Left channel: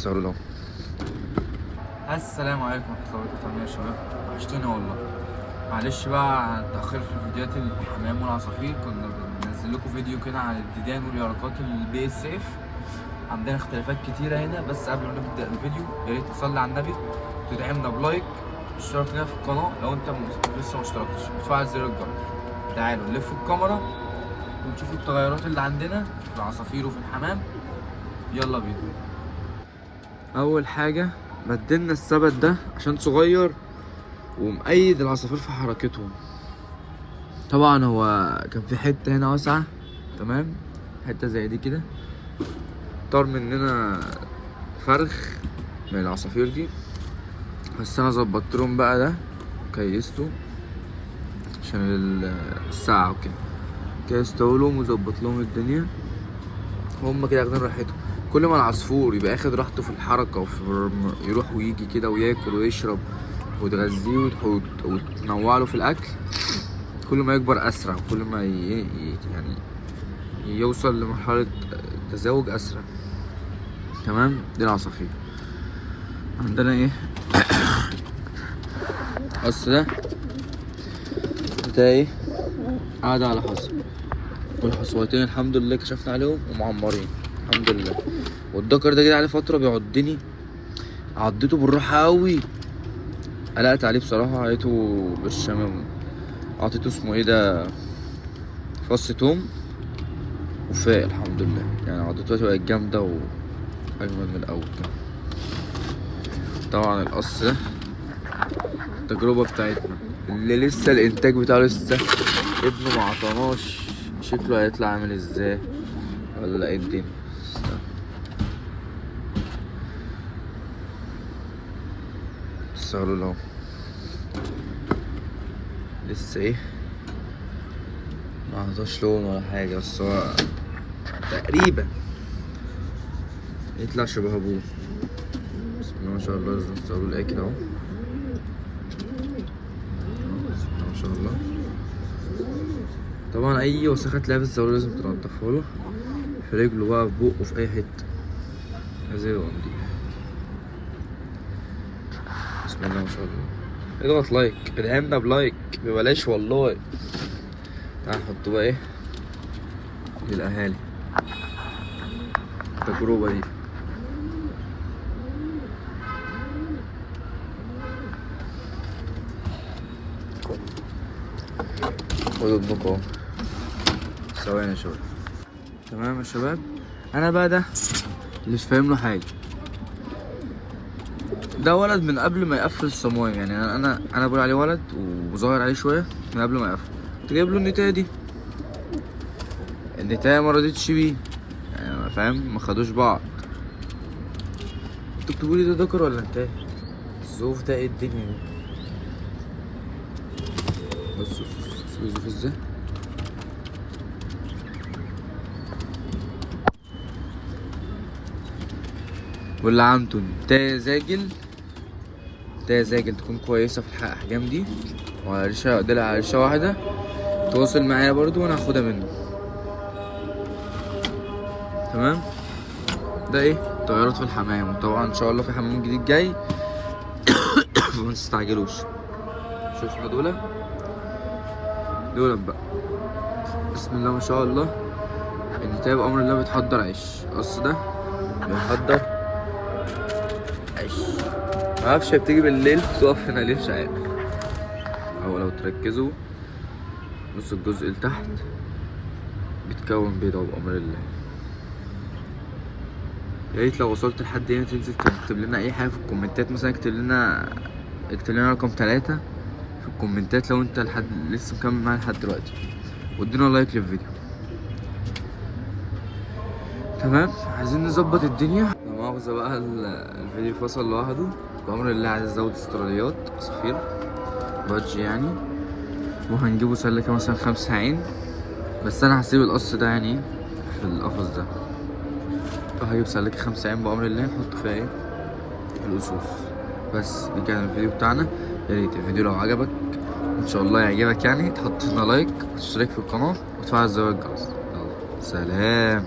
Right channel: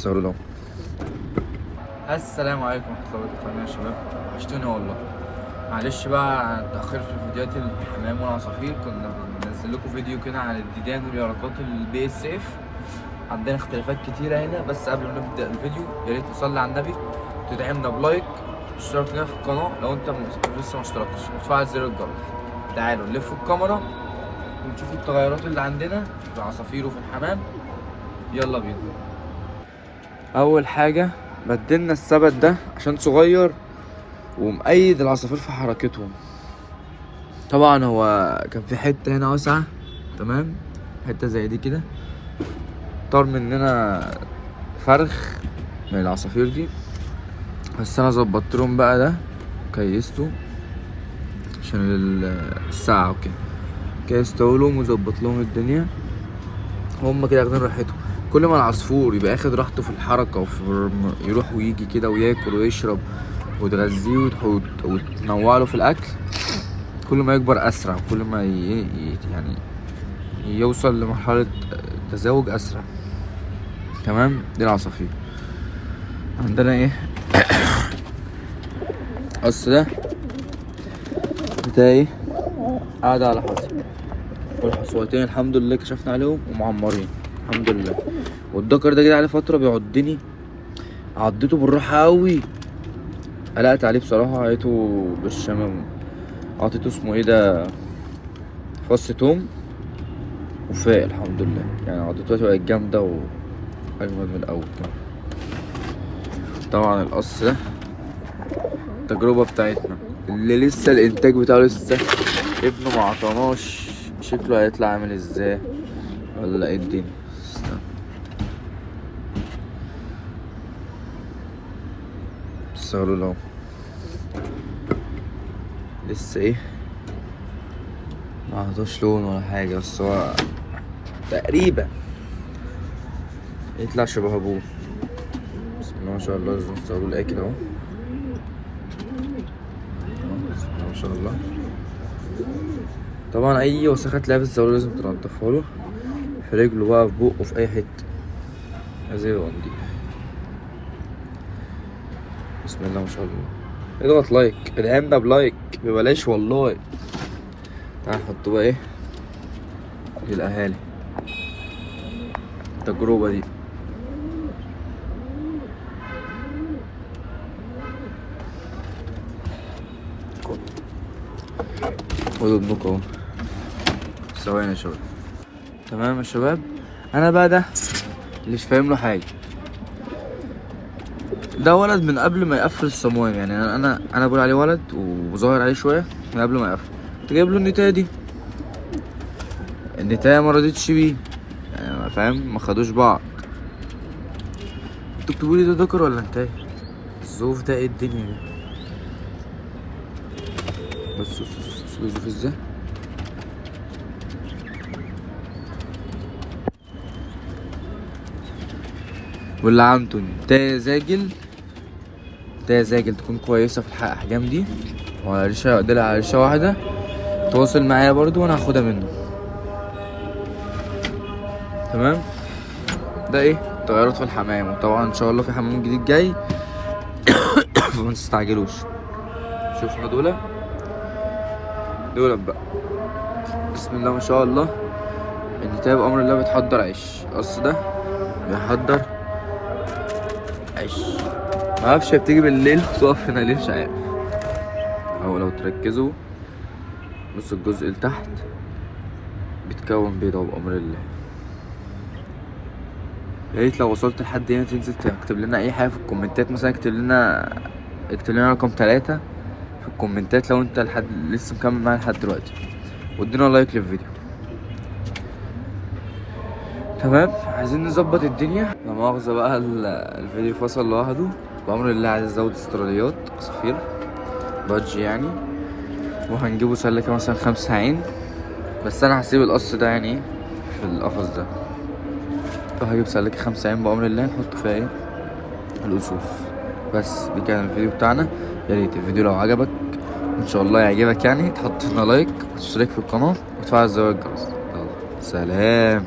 صوروا لهم. السلام عليكم ورحمة الله وبركاته يا شباب، وحشتوني والله. معلش بقى عن التأخير في فيديوهات الحمام والعصافير. كنا بننزل لكم فيديو كده عن الديدان واليرقات البي اس اف. عندنا اختلافات كتيرة هنا، بس قبل ما نبدأ الفيديو يا ريت تصلي على النبي، تدعمنا بلايك، اشترك لنا في القناة لو انت لسه ما اشتركتش، وتفعل زر الجرس. تعالوا نلف الكاميرا ونشوف التغيرات اللي عندنا في العصافير وفي الحمام. يلا بينا. اول حاجة بدلنا السبت ده عشان صغير ومقيد العصافير في حركتهم. طبعا هو كان في حتة هنا واسعة، تمام، حتة زي دي كده، طار مننا فرخ من العصافير دي، بس انا ظبطت لهم بقى ده، كيسته عشان الساعة وكده، كيسته لهم وظبط لهم الدنيا. هم كده واخدين راحتهم. كل ما العصفور يبقى اخد راحته في الحركة يروح ويجي كده وياكل ويشرب وتغذيه وتنوع له في الاكل، كل ما يكبر اسرع، كل ما يعني يوصل لمرحلة تزاوج اسرع. تمام. دي العصافير. عندنا ايه؟ القص ده بتاعي قاعد على حصى، والحصوتين الحمد لله كشفنا عليهم ومعمرين الحمد لله. والدكر ده جه عليه فترة بيعضني، عضته بالراحة قوي، قلقت عليه بصراحة، عيته بالشمام، عطيته اسمه ايه ده، فص توم، وفاق الحمد لله. يعني عضته بقت جامدة وأجمد من الأول كمان. طبعا القص ده التجربة بتاعتنا اللي لسه الإنتاج بتاعه لسه ابنه معطناش، شكله هيطلع عامل ازاي ولا ايه الدنيا. صاروا لهم لسه ايه، معطوش لون ولا حاجة، بس هو تقريبا يطلع شبه ابوه. بسم الله ما شاء الله. لازم تصوروا الاكل اهو، بسم الله ما شاء الله. طبعا اي وسخه تلاقيها في الزاويه لازم تنضفها له، في رجله بقى، في بقه، في اي حته، لازم يبقى نضيف. بسم الله ما شاء الله. اضغط لايك، ادعمنا بلايك ببلاش والله. تعال نحط بقى ايه للاهالي التجربه دي. خدوا ابنكم اهو. ثواني يا شباب. تمام يا شباب. انا بقى ده اللي مش فاهم له حاجه. ده ولد من قبل ما يقفل الصمام، يعني انا بقول عليه ولد وظاهر عليه شويه من قبل ما يقفل. كنت جايب له النتايه دي، النتايه ما رضيتش بيه، يعني فاهم، ما خدوش بعض. انتوا بتقولوا لي ده ذكر ولا نتايه؟ الظروف ده ايه الدنيا دي؟ بصوا الظروف ازاي. واللي عنده نتايه زاجل تكون كويسه في الاحجام دي، وعلى ريشه دلع، على ريشه واحده، تواصل معايا برضو وانا هاخدها منه. تمام. ده ايه تغيرات في الحمام، وطبعا ان شاء الله في حمام جديد جاي فما تستعجلوش. شوفوا دول بقى، بسم الله ما شاء الله. النتايه بامر الله بتحضر عيش. القص ده بيحضر عيش، معرفش بتيجي بالليل وتقف هنا ليه، مش عارف. او لو تركزوا بص الجزء اللي تحت بتكون بيضة بأمر الله. يا ريت لو وصلت لحد هنا تنزل تكتب لنا اي حاجة في الكومنتات، مثلا اكتب لنا رقم 3 في الكومنتات لو انت لسه مكمل معايا لحد دلوقتي، وادينا لايك للفيديو. تمام. عايزين نظبط الدنيا. لا مؤاخذة بقى الفيديو فصل لوحده بأمر الله. عايز ازود استراليات عصافير بادج يعني، وهنجيبه سلكة مثلا 5 عين، بس انا هسيب القص ده يعني في القفص ده، فهجيب سلكة 5 عين بأمر الله نحط فيها ايه الأسوس. بس دي كان الفيديو بتاعنا. يا ريت الفيديو لو عجبك ان شاء الله يعجبك يعني، تحط لنا لايك وتشترك في القناة وتفعل زر الجرس. يلا سلام.